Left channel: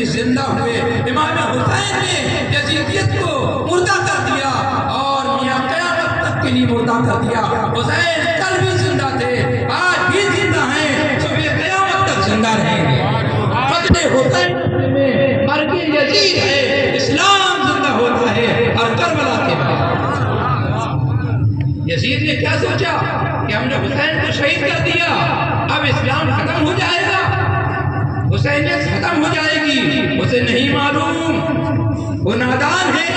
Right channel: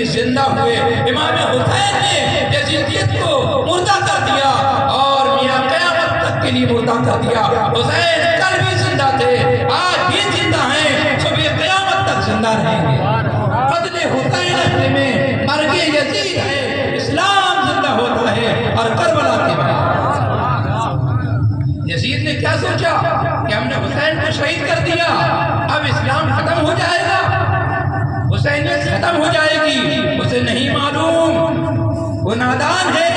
بھی زندہ ہوئے. امام حسین نے یزیدیت کو مردہ کر دیا اور میاں قیامت تک کے لیے مردہ کر دیا. حسین کل بھی زندہ تھے، آج بھی زندہ ہیں، صبح قیامت تک زندہ رہیں گے. قتل حسین اصل میں مرگ یزید ہے. اسلام زندہ ہوتا ہے اور کربلا کے بعد. یزید نے کیا سوچا کہ ہم نے حسین کو شہید کر دیا، اب اسلام ختم ہو جائے گا، حسینیت ختم ہو جائے گی. اسے نہیں معلوم، وہ نادان ہے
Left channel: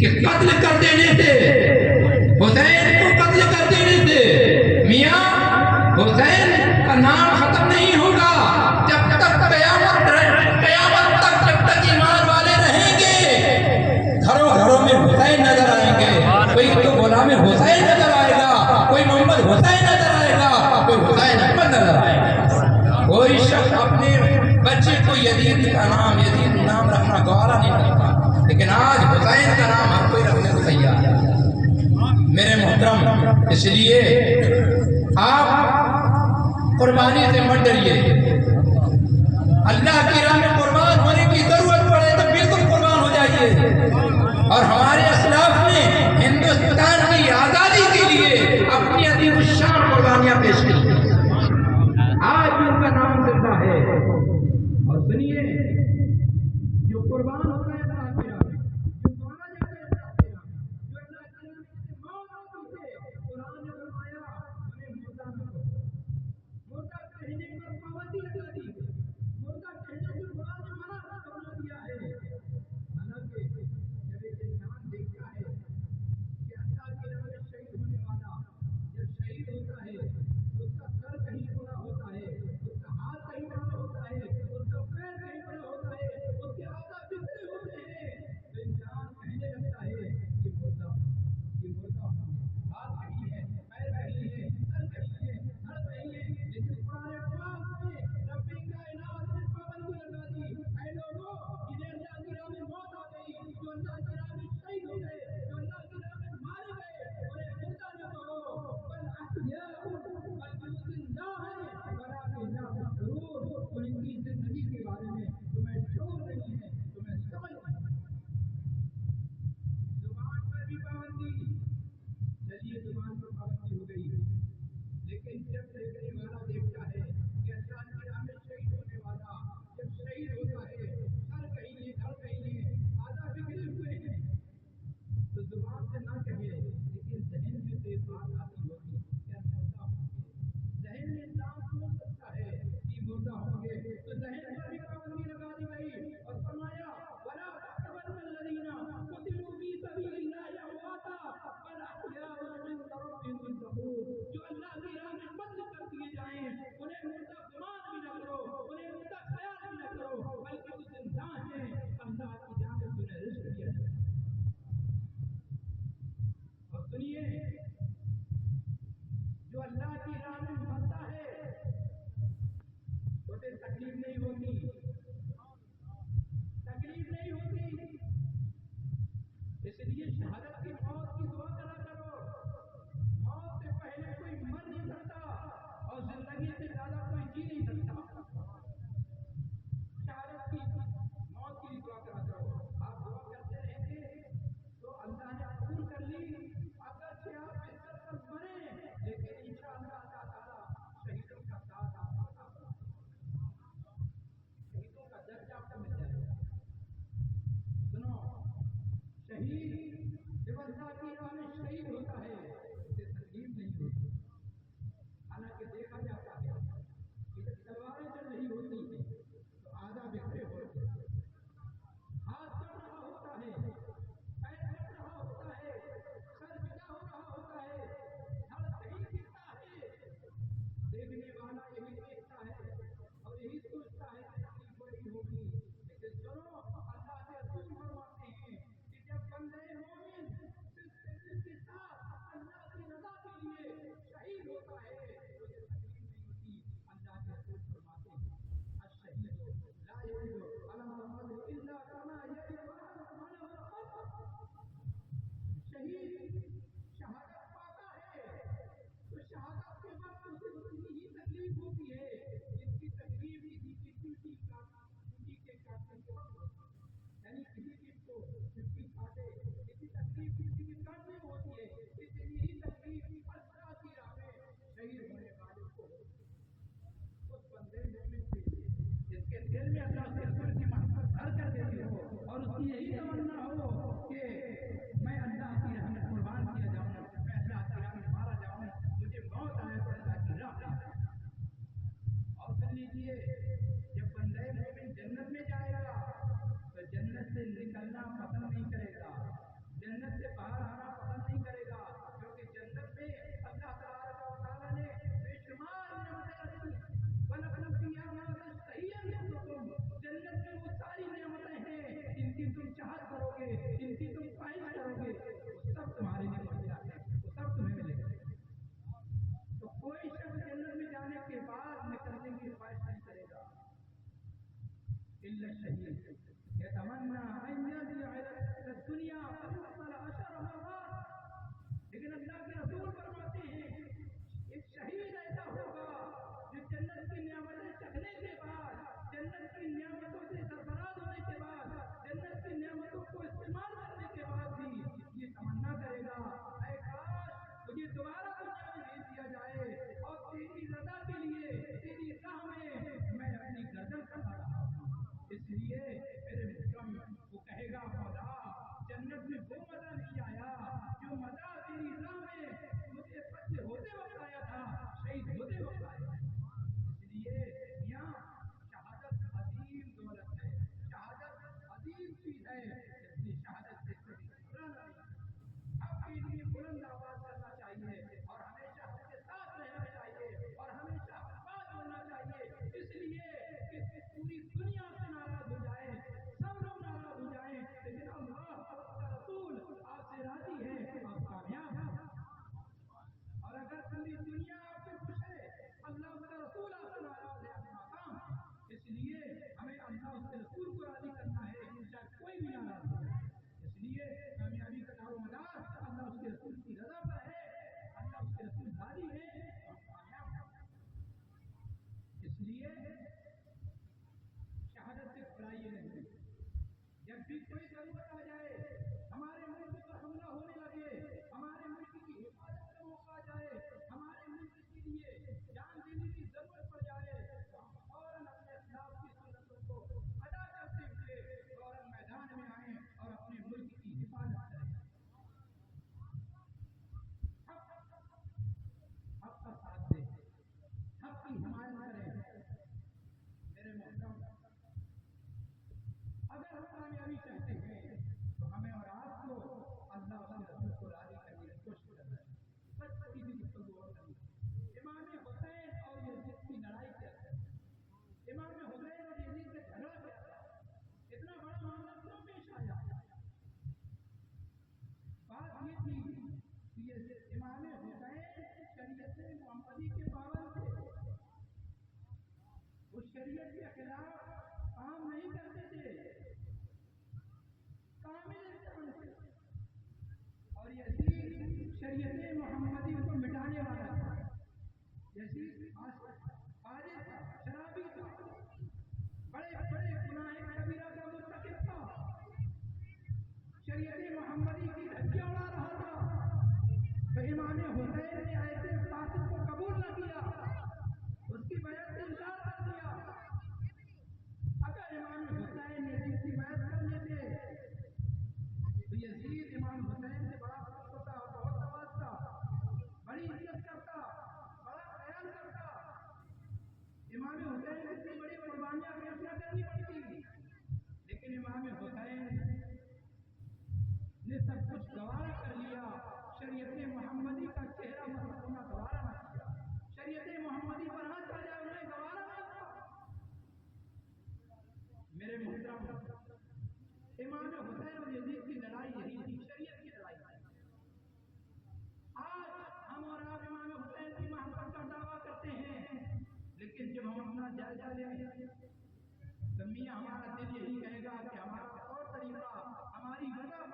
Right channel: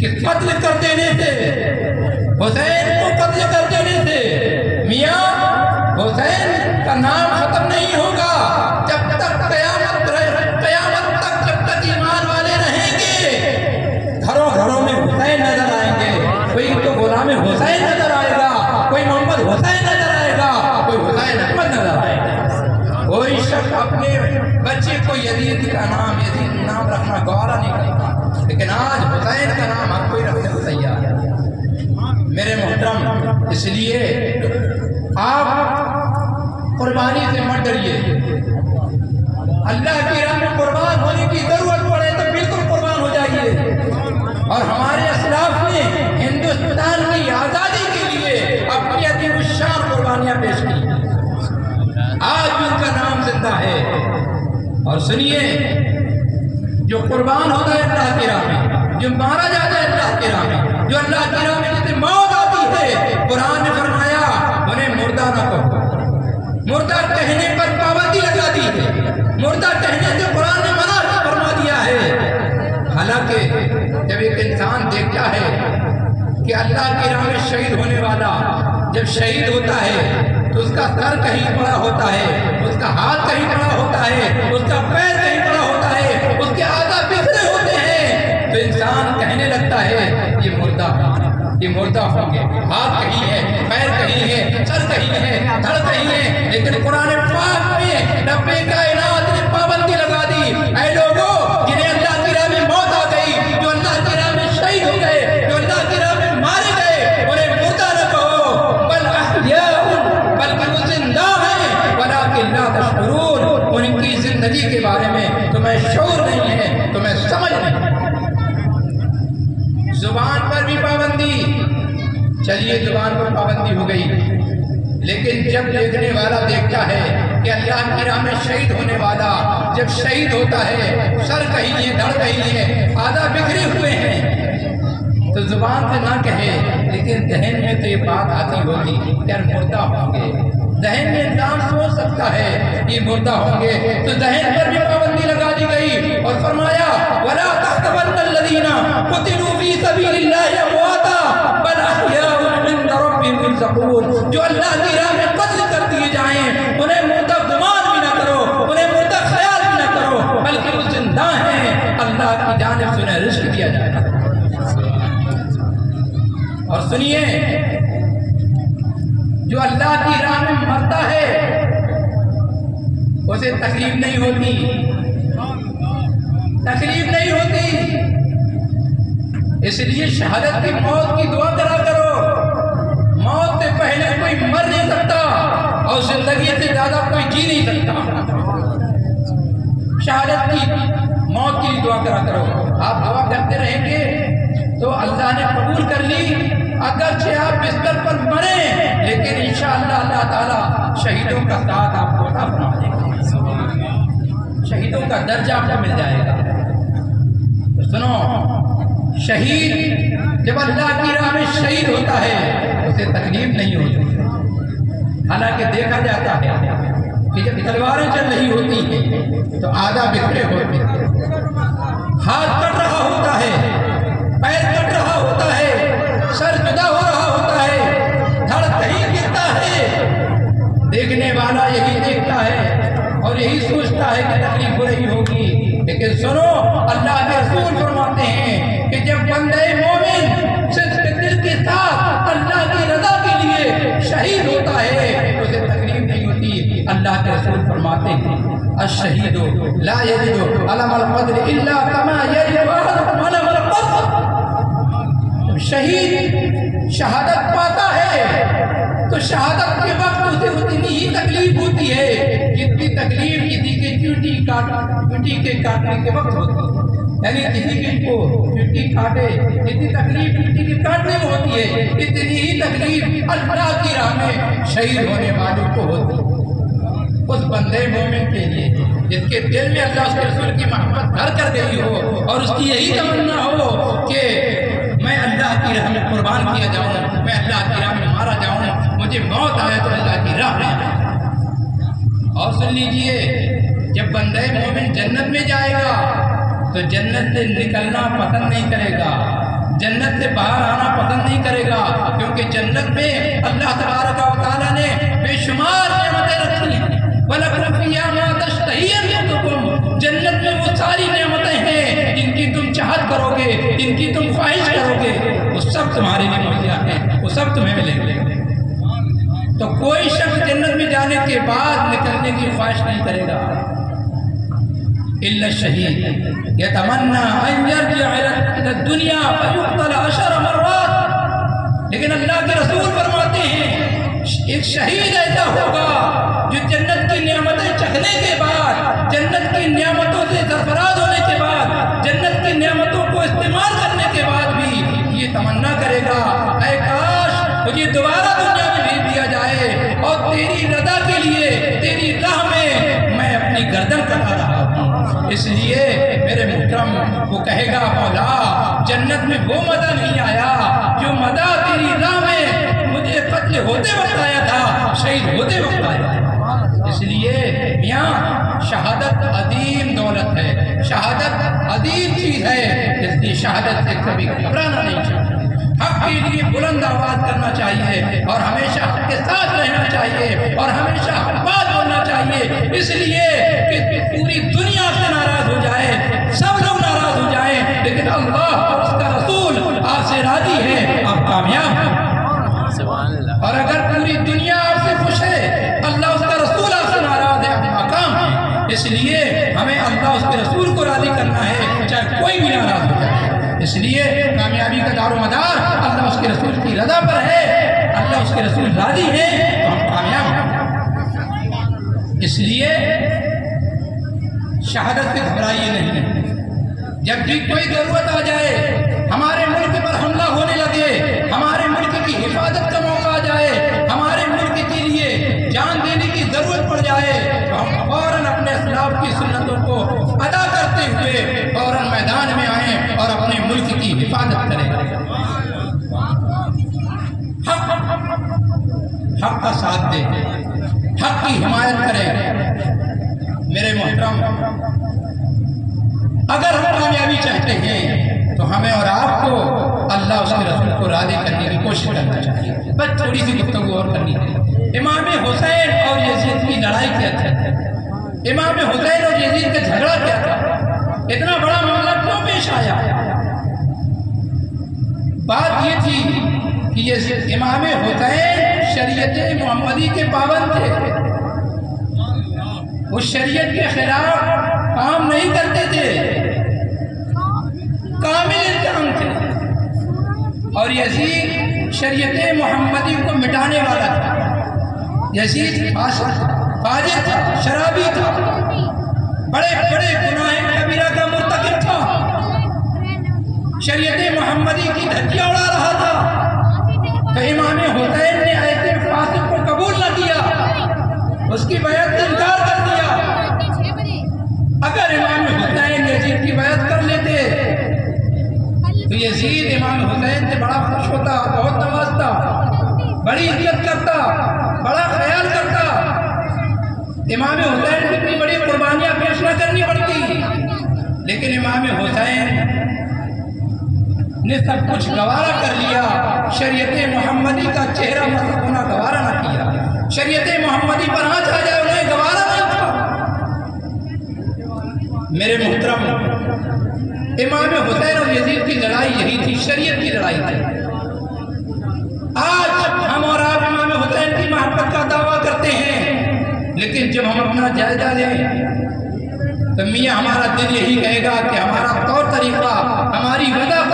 کہ قتل کر دینے سے، حسین کو قتل کر دینے سے میاں حسین کا نام ختم نہیں ہوگا. جب تک قیامت تک جب تک ایمان والے رہیں گے، گھروں گھروں میں حسین نظر آئیں گے. کوئی تو غلام حسین نظر آئے گا، کوئی محمد حسین نظر آئے گا، کوئی حسین احمد نظر آئے گا. کوئی شخص اپنے بچے کو یزید نام رکھنا گوارا نہیں کرتا، لیکن آج حسین کا نام ہر کوئی رکھنے کو تیار ہے. میرے محترم، اس لیے آپ قربانی سے مت ڈریے. اللہ کی راہ میں قربان ہونے کی ضرورت پڑے تو بالکل قربان ہو جائیے. اور ہمارے اسلاف نے ہندوستان کی آزادی کے لیے اپنی عظیم الشان قربانیاں پیش کی. آج بھی ان کا نام زندہ ہے. اور سنیے، جو قربان ہوتا ہے اللہ کی راہ میں، جو مارا جاتا ہے اللہ کی راہ میں، جو اللہ کی راہ میں جسے موت آتی ہے، قرآن نے فرمایا انہیں مردہ نہ کہو. مردہ کہنے پر پابندی لگا دی ہے. مردہ کہنے سے قرآن نے منع فرما دیا ہے. حالانکہ جب ایک انسان دیکھتا ہے کہ اللہ کی راہ میں شہید ہونے والا جب شہید ہوتا ہے تو اس کا سر کہیں پڑا ہوتا ہے، اس کا ہاتھ کہیں پڑا ہوتا ہے، اس کا پیر کہیں پڑا ہوتا ہے، اس کے اعضاء بکھرے ہوتے ہیں، تو انسان کہنے لگتا ہے یہ مردہ ہوں گے. ہاتھ کہیں ہے، پیر کہیں ہے، سر کہیں ہے، دھڑ کہیں ہے. لیکن قرآن پاک میں رب کائنات نے پابندی لگا دی، اے لوگوں جنہیں اللہ کی راہ میں موت آ گئی، جو اللہ کی راہ میں شہید ہو گئے، جو اللہ کی راہ میں مارے گئے، انہیں مردہ نہ کہو، بل احیاء، بلکہ وہ زندہ ہیں، ولکن لا تشعرون. ان کی زندگی کے بارے میں تمہیں شعور نہیں ہے، تمہیں سمجھ نہیں ہے. زبان پر بھی پابندی، چلیے زبان پر پابندی ہو گئی، لیکن جب دیکھنے والا دیکھتا ہے کہ اللہ کی راہ میں شہید ہونے والا جب شہید ہوتا ہے، سر کہیں ہے، دھڑ کہیں ہے، اعضاء بکھرے ہوئے ہیں، تو زبان سے نہ کہے، لیکن ذہن میں تو یہ بات آتی ہوگی کہ مردہ ہوں گے. ذہن میں انسان سوچ سکتا ہے یہ مردہ ہوں گے، تو ذہن پر بھی پابندی لگا دی گئی اور فرمایا وَلَا تَحْسَبَنَّ الَّذِينَ قُتِلُوا فِي سَبِيلِ اللَّهِ أَمْوَاتًا بَلْ أَحْيَاءٌ عِندَ رَبِّهِمْ يُرْزَقُونَ. جو اللہ کی راہ میں قتل کر دیے جائیں انہیں مردہ گمان بھی نہ کرو، انہیں مردہ خیال بھی نہ کرو، بلکہ وہ زندہ ہیں، اللہ کی جانب سے انہیں رزق دیا جائے گا. اور سنیے، جو اللہ کی راہ میں مرتا ہے اسے تکلیف نہیں ہوتی، تکلیف نہیں ہوتی. اس لیے شہادت کی موت کی دعا کرا کرو. موت سے پہلے کوئی مر نہیں سکتا اور زندگی سے زیادہ کوئی جی نہیں سکتا. شہادت کی موت کی دعا کرا کرو. آپ دعا کرتے رہیں گے تو اللہ نے قبول کر لی. اگرچہ آپ بستر پر مریں لیکن انشاءاللہ اللہ تعالیٰ شہیدوں کا ساتھ آپ کو عطا فرما دے گا، شہیدوں کا درجہ آپ کو مل جائے گا. تو سنو، شہید جب اللہ کی راہ میں شہید ہوتا ہے اسے تکلیف نہیں ہوتی. حالانکہ دیکھا جاتا ہے کہ جب تلواریں چل رہی ہوتی ہیں تو اعضاء بکھرے ہوتے ہیں، ہاتھ کٹ رہا ہوتا ہے، پیر کٹ رہا ہوتا ہے، سر جدا ہو رہا ہوتا ہے، دھڑ کہیں گرتا ہے. دیکھنے والا یہی دیکھتا ہے اور یہی سوچتا ہے کہ تکلیف ہو رہی ہوگی. لیکن سنو، اللہ کے رسول فرماتے ہیں کہ جب بندے مومن صدق دل کے ساتھ اللہ کی رضا کے لیے شہید ہوتا ہے اسے تکلیف نہیں ہوتی. اللہ کے رسول فرماتے ہیں الشہید لا یجد علم القدر الا کما یجد احدکم علم القدر. شہید شہادت پاتا ہے تو شہادت کے وقت اسے اتنی ہی تکلیف ہوتی ہے جتنی تکلیف کسی کے چونٹی کے کاٹنے کے وقت ہوتی ہے، یعنی کسی بھی کو چونٹی کاٹے اتنی تکلیف چونٹی کے کاٹنے میں ہوتی ہے، اتنی ہی تکلیف اللہ کی راہ میں شہید ہونے والوں کو ہوتی ہے۔ اس بندے مومن کے لیے جس کے دل میں اللہ اس کے رسول کی محبت گھر کر گئی ہو اور اس کی یہی تمنا ہو کہ میں اللہ کی راہ میں قربان کیا جاؤں، میں اللہ کی راہ میں مارا جاؤں، مجھے موت آئے تو اللہ کی راہ میں۔ اور سن لیجئے، جب بندے مومن جنت میں جائے گا تو جنت سے نکلنا پسند نہیں کرے گا، جنت سے باہر آنا پسند نہیں کرے گا، کیونکہ جنت میں اللہ تبارک و تعالیٰ نے بے شمار نعمتیں رکھی ہیں۔ وَلَكُمْ فِيهَا مَا تَشْتَهِي أَنفُسُكُمْ، جنت میں وہ ساری نعمتیں ہیں جن کی تم چاہت کرو گے، جن کی تم خواہش کرو گے، وہ سب تمہارے لیے مہیا ہیں، وہ سب تمہیں ملیں گے۔ تو کوئی شخص جنت میں جانے کے بعد نکلنے کی خواہش نہیں کرے گا الا الشہید یتمنی ان یرجع الی الدنیا فیقتل 10 مرات، لیکن اللہ کے رسول فرماتے ہیں ایک شہید ایسا ہوگا جو جنت کی نعمتیں چکھنے کے بعد، جنت کی نعمتوں سے سرفراز ہونے کے بعد، جنت کی نعمتوں کو استعمال کرنے کے بعد بھی یہ تمنا کرے گا اے کاش مجھے دوبارہ دنیا میں بھیج دیا جائے اور تیری رضا کے لیے تیری راہ میں اپنی گردن کٹا رہا ہوں۔ اس لیے میرے محترم وہ کہے گا مولا جنت میں وہ مزہ نہیں آیا جو مزہ تیری راہ میں مجھے قتل ہوتے وقت آیا تھا، شہید ہوتے وقت آیا تھا۔ اس لیے میاں شہادت عظیم دولت ہے، شہادت عظیم چیز ہے، اس لیے شہادت سے کبھی گھبرانا نہیں چاہیے، حق کے لیے بلند آواز کرنا چاہیے اور ہمیشہ حق کے ساتھ رہنا چاہیے اور ہمیشہ حق بات بولنا چاہیے، اس لیے کہ پوری دنیا سے ناراض ہو جائے، سب لوگ ناراض ہو جائیں، لیکن اللہ اور اس کا رسول آپ سے راضی ہے، آپ کامیاب ہیں۔ اور اگر پوری دنیا آپ سے خوش ہے، اللہ اس کا رسول آپ سے ناراض ہے، آپ ناکام ہیں۔ اس لیے ہمیں اللہ اس کے رسول کو راضی کرنا ہے، چاہے کوئی بھی ناراض ہو جائے۔ اس لیے کامیابی کا دار و مدار اللہ اس کے رسول کی رضا پر ہے، اللہ اس کے رسول راضی ہے تو ہم کامیاب ہیں۔ اس لیے شہادت سے گھبرائیے نہیں، جب بھی کوئی ضرورت آ جائے، ہمارے ملک پر حملہ ہونے لگے، ہمارے ملک کی حفاظت کا موقع آ جائے، ہمارے ملک کے لیے جان دینے کی ضرورت پڑ جائے تو ہم فوراً اپنے اسلاف کی سنتوں کو ادا کرتے ہوئے فوراً میدان میں آئیں اور اپنے ملک کی حفاظت کریں، حق کا ساتھ دیں، حق کی حمایت کریں۔ میرے محترم، اگر ہم کامیابی چاہتے ہیں تو ہمیں اور آپ کو اللہ اس کے رسول کو راضی کرنے کی کوشش کرنا چاہیے۔ بس تھوڑی سی گفتگو اور کرنی ہے۔ امام حسین اور یزید کی لڑائی کیا تھی؟ امام حسین اور یزید کا جھگڑا کیا تھا؟ اتنا بڑا معاملہ کیوں پیش آیا؟ بات یہ تھی کہ امام حسین شریعت محمدی کے پابند تھے، وہ شریعت کے خلاف کام نہیں کرتے تھے، کامل انسان تھے، اور یزید شریعت محمدی کو مٹانے والا تھا۔ یزید فاجر تھا، شرابی تھا، بڑے بڑے گناہ کبیرہ کا مرتکب تھا، شریعت محمدی کی دھجیاں اڑا رہا تھا۔ تو امام حسین نے ایسے فاسق کو قبول نہ کیا، اس کی بیعت سے انکار کر دیا۔ اگر امام حسین یزید کی بیعت کر لیتے تو یزید امام حسین سے بڑا خوش ہوتا، بہت نوازتا، بڑی عزت کرتا، بڑا خیال کرتا، امام حسین کی اتنی بڑی قربانیاں پیش نہ کرنی پڑتی، لیکن امام حسین نے سب کچھ گوارا کر لیا، شریعت محمدی کا چہرہ مسخ ہونا گوارا نہ کیا، شریعت محمدی پر آنچ آ جائے انہیں گوارا نہیں تھا۔ میرے محترم، امام حسین اور یزید کی لڑائی یہی تھی، شریعت کی لڑائی تھی۔ آج ہم اور آپ امام حسین کی محبت کا دعویٰ کرتے ہیں، لیکن جب ہم اپنا جائزہ لیں تو میاں ہمارا دل یہی کہے گا کہ ہمارا طور طریقہ، ہماری وضاحت،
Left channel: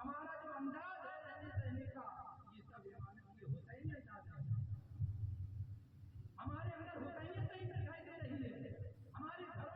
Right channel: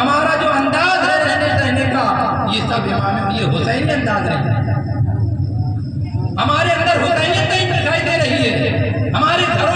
ہمارا جو انداز ہے رہنے سہنے کا، یہ سب یہ حسینی انداز ہے۔ ہمارے اندر حسینیت نہیں دکھائی دے رہی ہے، ہمارے گھروں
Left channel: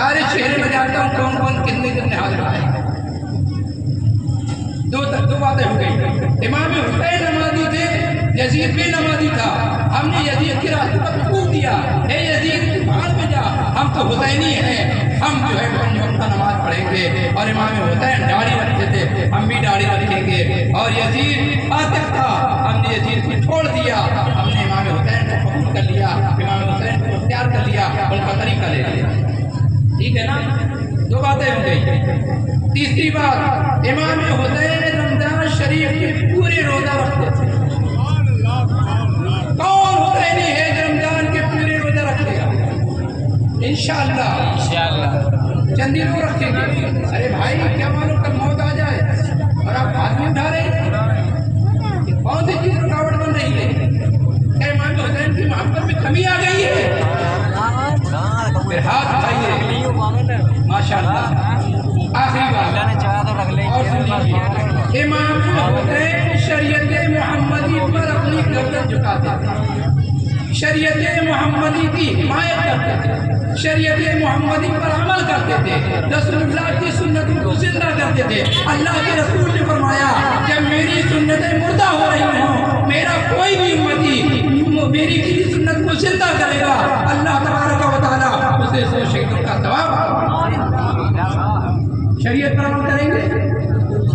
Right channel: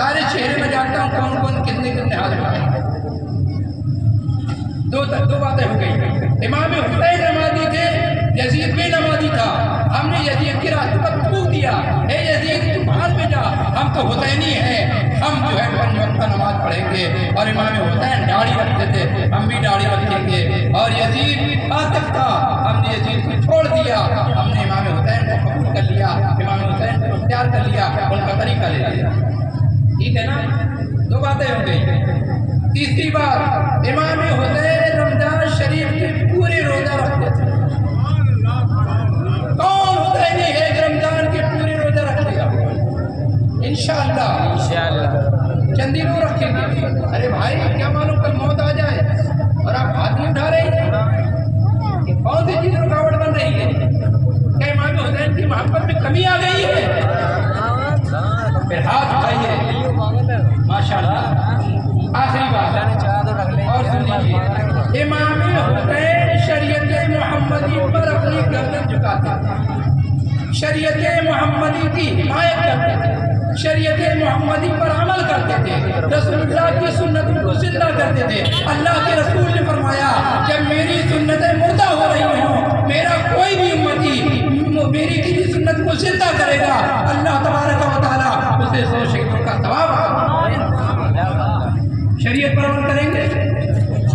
سارے چہرے میں جانتا ہوں کون کون کتنے حاضر آئے. دو باتیں ہو گئی. امام حسین نمازی تھے, یزید بھی نمازی تھا. ہم نے یزید کے راستے پر حقوق دیا, اے یزید تو بھان میں جا, ہم تو حسینی ہیں, ہم جو ہے 5 وقت نماز پڑھیں گے. اور امام حسین داڑھی رکھتے تھے, ہم بھی داڑھی رکھیں گے. اور یزید عاطف تھا, ہم نے یزید کو چھوڑ دیا, ہم نے امام حسین کو قبول کر لیا, امام حسین کو اختیار کر لیا, ان کا طریقہ لے لیا. ٹھیک ہے نا, 2 باتیں ہو گئی. تیسری بات, امام حسین رمضان شریف کے پورے روزہ رکھتے تھے. کون حسینی ہے جو رمضان کے پورے روزہ رکھے گا؟ انشاءاللہ چند دنوں رکھیں گے. ارے بھائی کیا معلوم کل موت آ جائے اور آپ ہاتھ نہیں اٹھا رہے ہیں, کہ کون سی چیز رکاوٹ بن رہی ہے؟ کیا امام حسین کی محبت میں کمی آ گئی ہے؟ پھر ہاتھ اٹھائیے. ماشاءاللہ. آخری بات اور سن لیجیے, امام حسین شریعت محمدی پر اپنی گردن جھکاتے تھے, شریعت محمدی کی حمایت کرتے تھے, شریعت محمدی پر عمل کرتے تھے, رسول اللہ کی سنتوں کو زندہ کرتے تھے. اللہ کے رسول نے فرمایا کہ میری سنتیں مردہ ہو رہی ہوں, میرا کوئی بھی امتی میری کسی سنت کو زندہ کرے گا, اللہ تبارک و تعالیٰ اسے 100 شہیدوں کا ثواب. شریعت پر عمل کریں گے.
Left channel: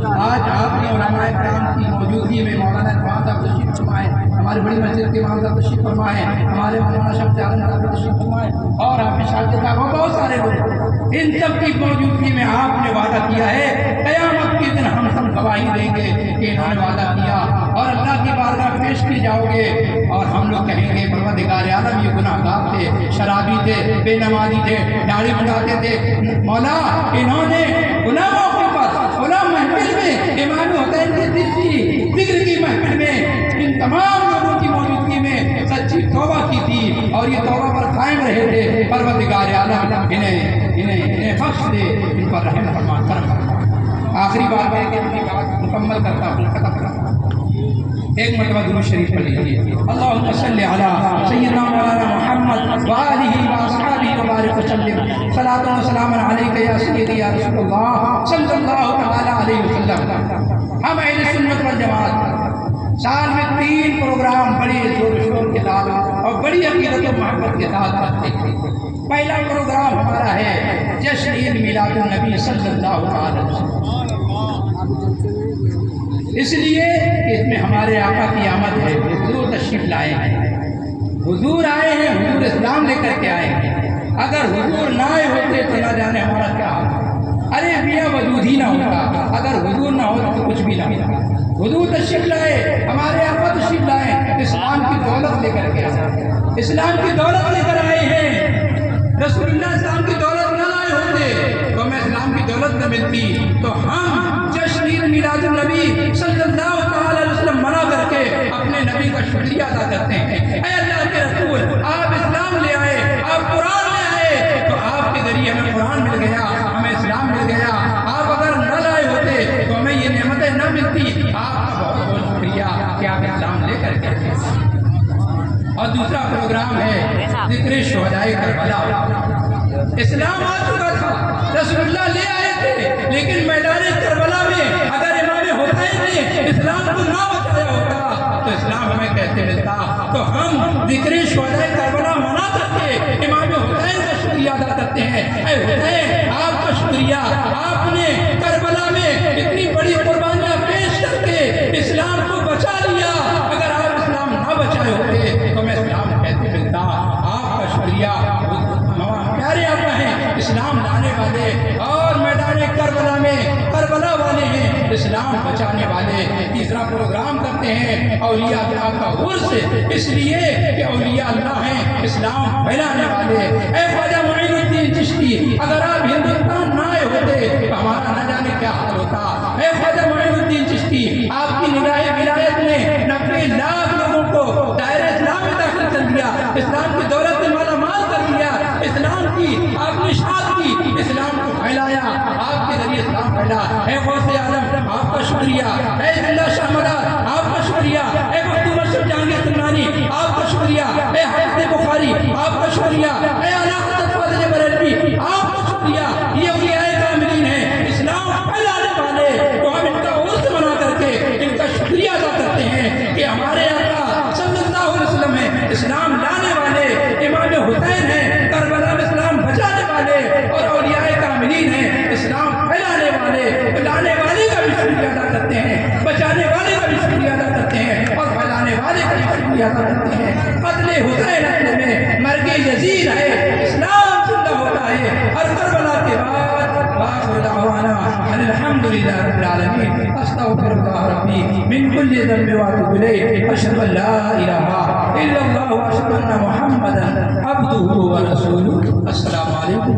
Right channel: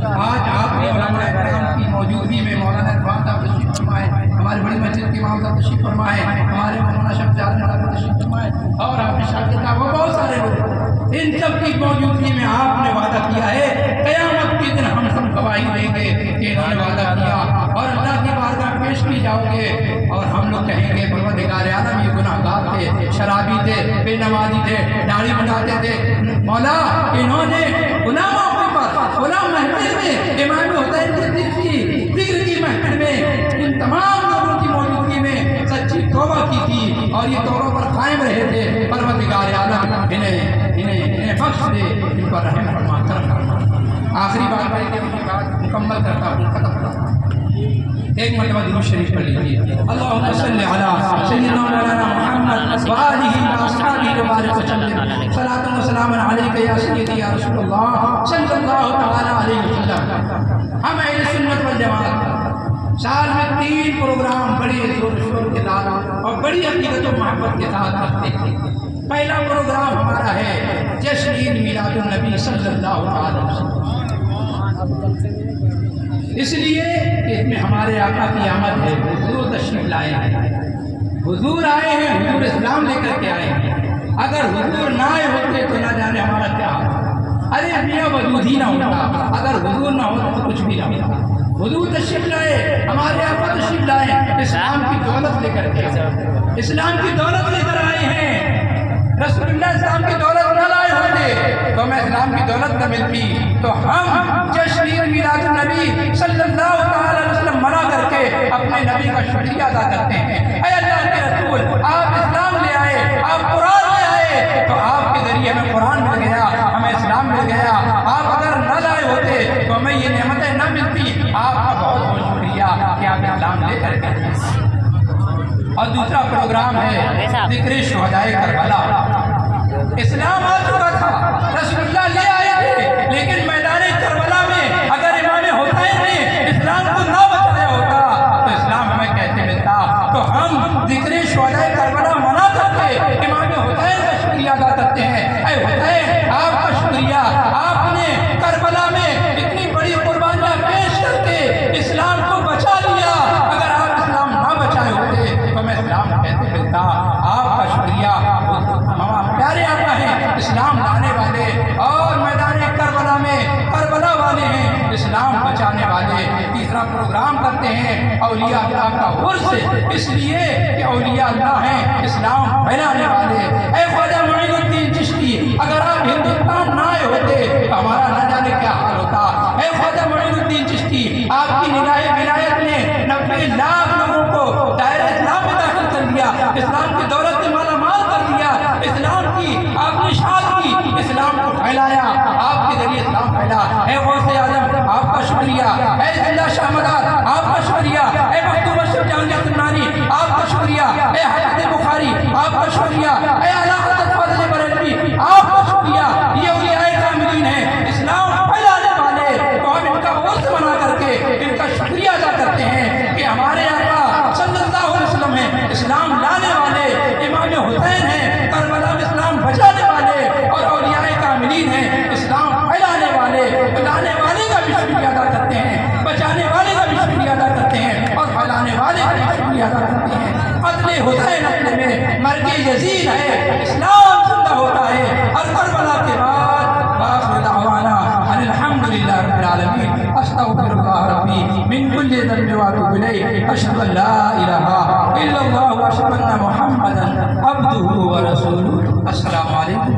آج آپ کی علماء کرام کی موجودگی میں مولانا اقبال صاحب تشریف فرمائے, ہمارے بڑی مسجد کے امام صاحب تشریف فرمائے, ہمارے مولانا شمس عالم صاحب تشریف فرمائے, اور آپ کے شاگرد صاحب بہت سارے لوگ, ان سب کی موجودگی میں آپ نے وعدہ کیا ہے قیامت کے دن ہم سب گواہی دیں گے کہ انہوں نے وعدہ کیا, اور اللہ کی بارگاہ پیش کی جاؤ گے, اور ہم لوگ کہیں گے پروردگار عالم یہ گناہ گار تھے, شرابی تھے, بے نمازی تھے, داڑھی منڈاتے تھے, مولا انہوں نے گناہ موقع پر غلام محفل میں امام حسین کے دل کی ذکر کی محفل میں ان تمام لوگوں کی موجودگی میں سچی توبہ کی تھی, اور یہ توبہ پر قائم رہے تھے. پروردگار عالم انہیں بخش دے, ان پر رحم فرما, کرم فرما. آخری بار میں کہ بات مکمل کرتا ہوں, ختم کرتا ہوں. ایک مرتبہ درود شریف پڑھ لیجیے. اللہم صلی علی سیدنا مولانا محمد وآلہ واصحابہ وبارک وسلم. صلاۃ و سلام علیک یا سیدی یا رسول اللہ صلی اللہ تعالی علیہ وسلم. ہم اہل سنت والجماعت سال میں 3 پروگرام بڑے زور شور کے ساتھ اور بڑی عقیدت و محبت کے ساتھ کرتے ہیں. پہلا پروگرام ہمارا ہے جشن عید میلاد النبی صلی اللہ علیہ وسلم, اس لیے کہ اس میں ہمارے آقا کی آمد ہے. حضور تشریف لائے ہیں, حضور آئے ہیں, حضور اسلام لے کر کے آئے ہیں. اگر حضور نہ آئے ہوتے تو نہ جانے ہمارا کیا ہوتا. ارے میاں وجود ہی نہ ہوتا, اگر حضور نہ ہوتا تو کچھ بھی نہ ہوتا. حضور تشریف لائے, ہمارے آقا تشریف لائے, اسلام کی دولت لے کر کے آئے, اسلام کی دولت لے کر آئے ہیں. رسول اللہ اسلام کی دولت نہ لائے ہوتے تو ہمیں اسلام کی دولت نہ ملتی. تو ہم جشن عید میلاد النبی صلی اللہ علیہ وسلم منا کر کے اپنے نبی کا شکریہ ادا کرتے ہیں. اے اللہ کے رسول, آپ اسلام لے آئے, آپ قرآن لے آئے, تو آپ کے ذریعے ہمیں قرآن مل گیا, ہمیں اسلام مل گیا. آپ اگر نہ لائے ہوتے تو ہمیں یہ نعمتیں نہ ملتی. آپ کا بہت بہت شکریہ کہ آپ اسلام لے کر کے. اور دوسرا پروگرام ہے ذکر شہدائے کربلا. اسلام آ چکا تھا, رسول اللہ لے آئے تھے, لیکن میدان کربلا میں اگر امام حسین نے اسلام کو نہ بچایا ہوتا تو اسلام ہمیں کیسے ملتا. تو ہم ذکر شہدائے کربلا منا کرتے امام حسین کا شکریہ ادا کرتے ہیں. اے حسین, آپ کا شکریہ, آپ نے کربلا میں اتنی بڑی قربانیاں پیش کر کے اسلام کو بچا لیا. اگر آپ اسلام نہ بچائے ہوتے تو ہمیں اسلام کیسے ملتا. آپ کا شکریہ. پیارے آقا ہیں, اسلام لانے والے, اور میدان کربلا میں کربلا والے ہیں, اسلام بچانے والے. تیسرا پروگرام کرتے ہیں اولیاء اللہ کا عرس, اس لیے کہ اولیاء اللہ ہیں اسلام پھیلانے والے. اے خواجہ معین الدین چشتی, اگر آپ ہندوستان نہ آئے ہوتے تو ہمارا نہ جانے کیا حال ہوتا. اے خواجہ معین الدین چشتی, آپ کی نگاہ ولایت نے 90 لاکھ لوگوں کو دائرہ اسلام میں داخل کر دیا, اسلام کی دولت سے مالا مال کر دیا, اسلام کی آپ نے اشاعت کی, اسلام کو پھیلایا, آپ کے ذریعے اسلام پھیلا. اے غوث اعظم, آپ کا شکریہ. اے اللہ شاہ مدار, آپ کا شکریہ. اے مختوم اشرف جہانگیر سمنانی, آپ کا شکریہ. اے حضرت بخاری, آپ کا شکریہ. اے اعلیٰ حضرت فاضل بریلوی, آپ کا شکریہ.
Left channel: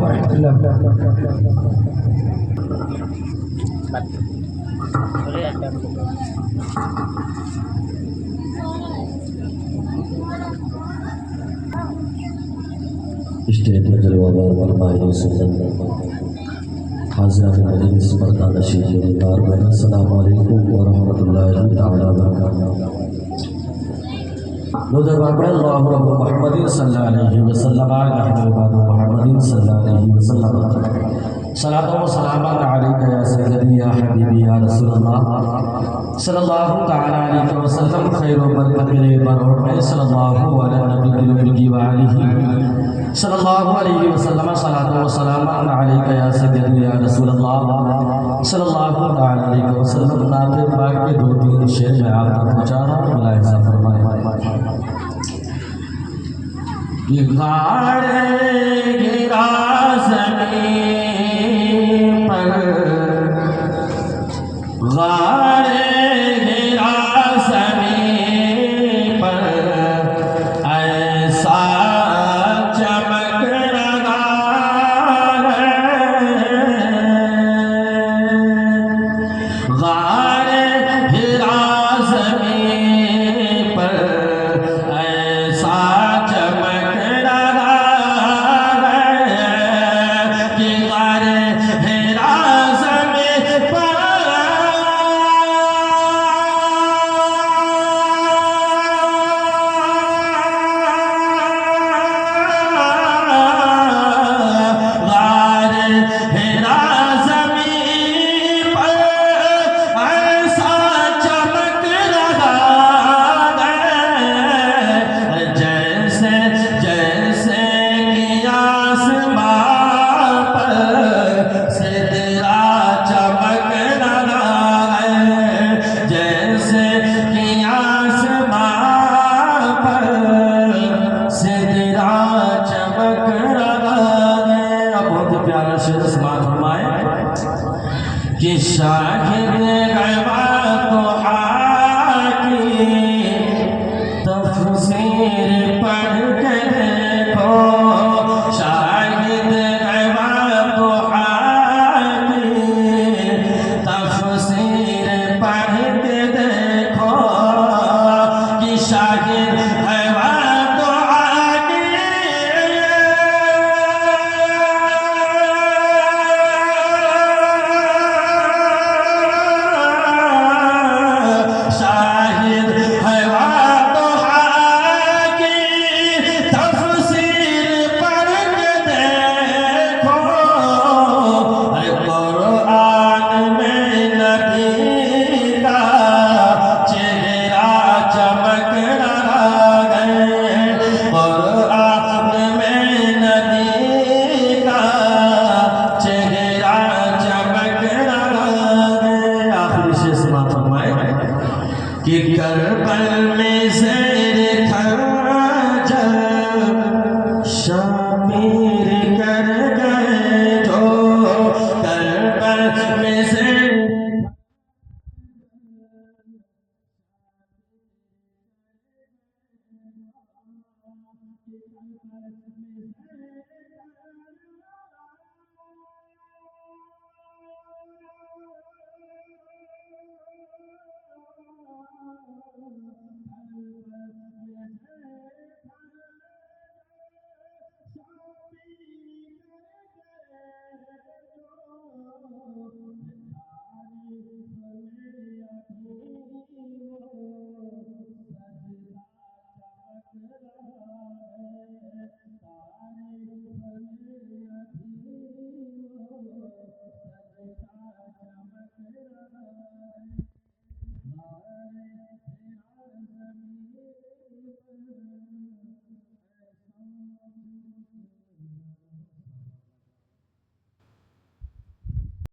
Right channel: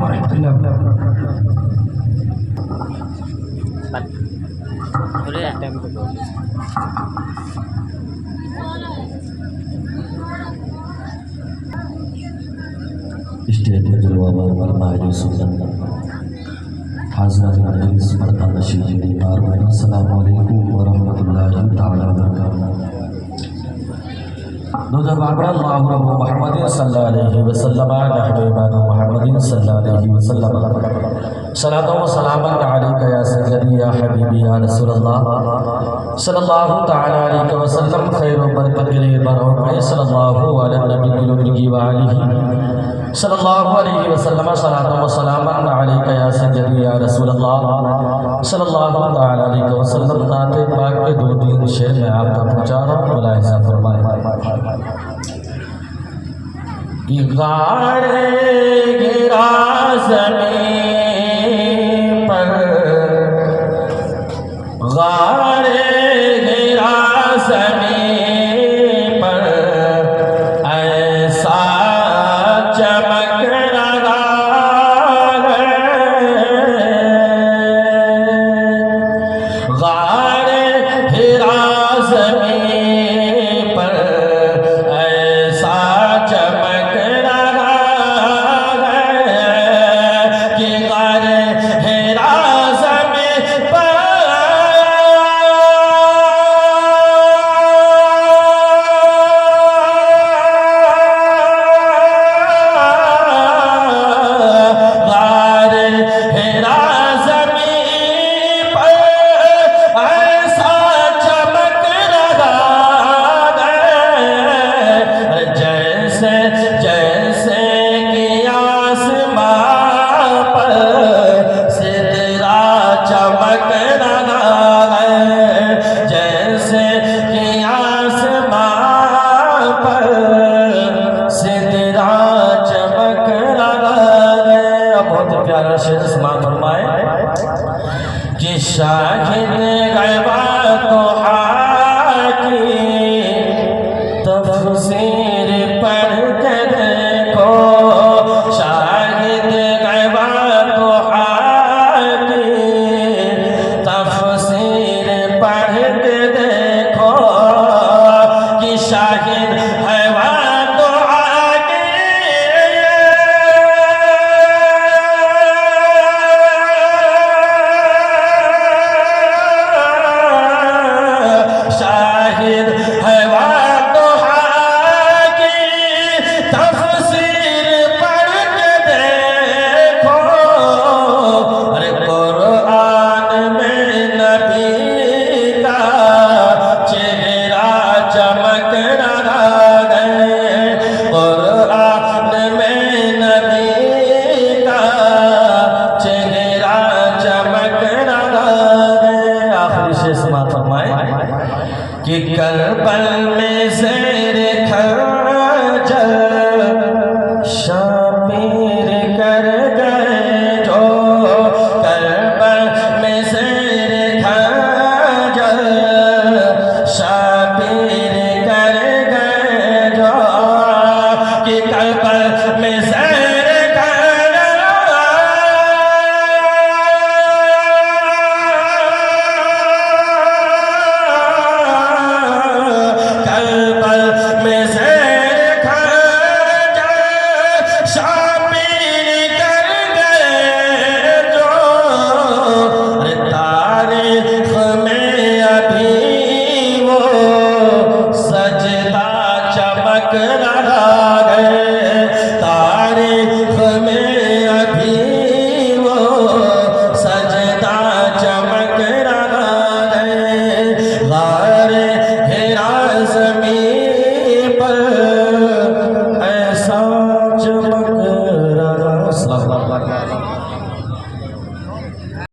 ورحمۃ اللہ وبرکاتہ. اسٹیج پر جلوہ بار ماہر سنت حضرات مجلس مردان نشین بار السلام علیکم ورحمۃ اللہ تعالی وبرکاتہ. نوجر بابر اللہ رب محمد صلی اللہ علیہ وسلم حبیبان محمد صلی اللہ علیہ وسلم صلاۃ و سلام علیک یا سیدی یا حبیبی یا رسول اللہ صلی اللہ تعالی علیہ وسلم. خیر و برکت کے برور میں صلی اللہ علیہ نبی و علیہ صلی اللہ علیہ وسلم. صلاۃ و سلام علیک یا سیدی یا رسول اللہ صلی اللہ تعالی علیہ وسلم. نعت پاک کے دو تین شعر میں آپ کا پہنچا رہا ہوں، ملاحظہ فرمائیں. یہ غار گرا زمین پر، غار گرا زمین پر، ایسا چمک رہا ہے. غار گرا زمین پر ایسا چمک رہا ہے کہ غار گرا زمین پر کہ شاہد غیبا تو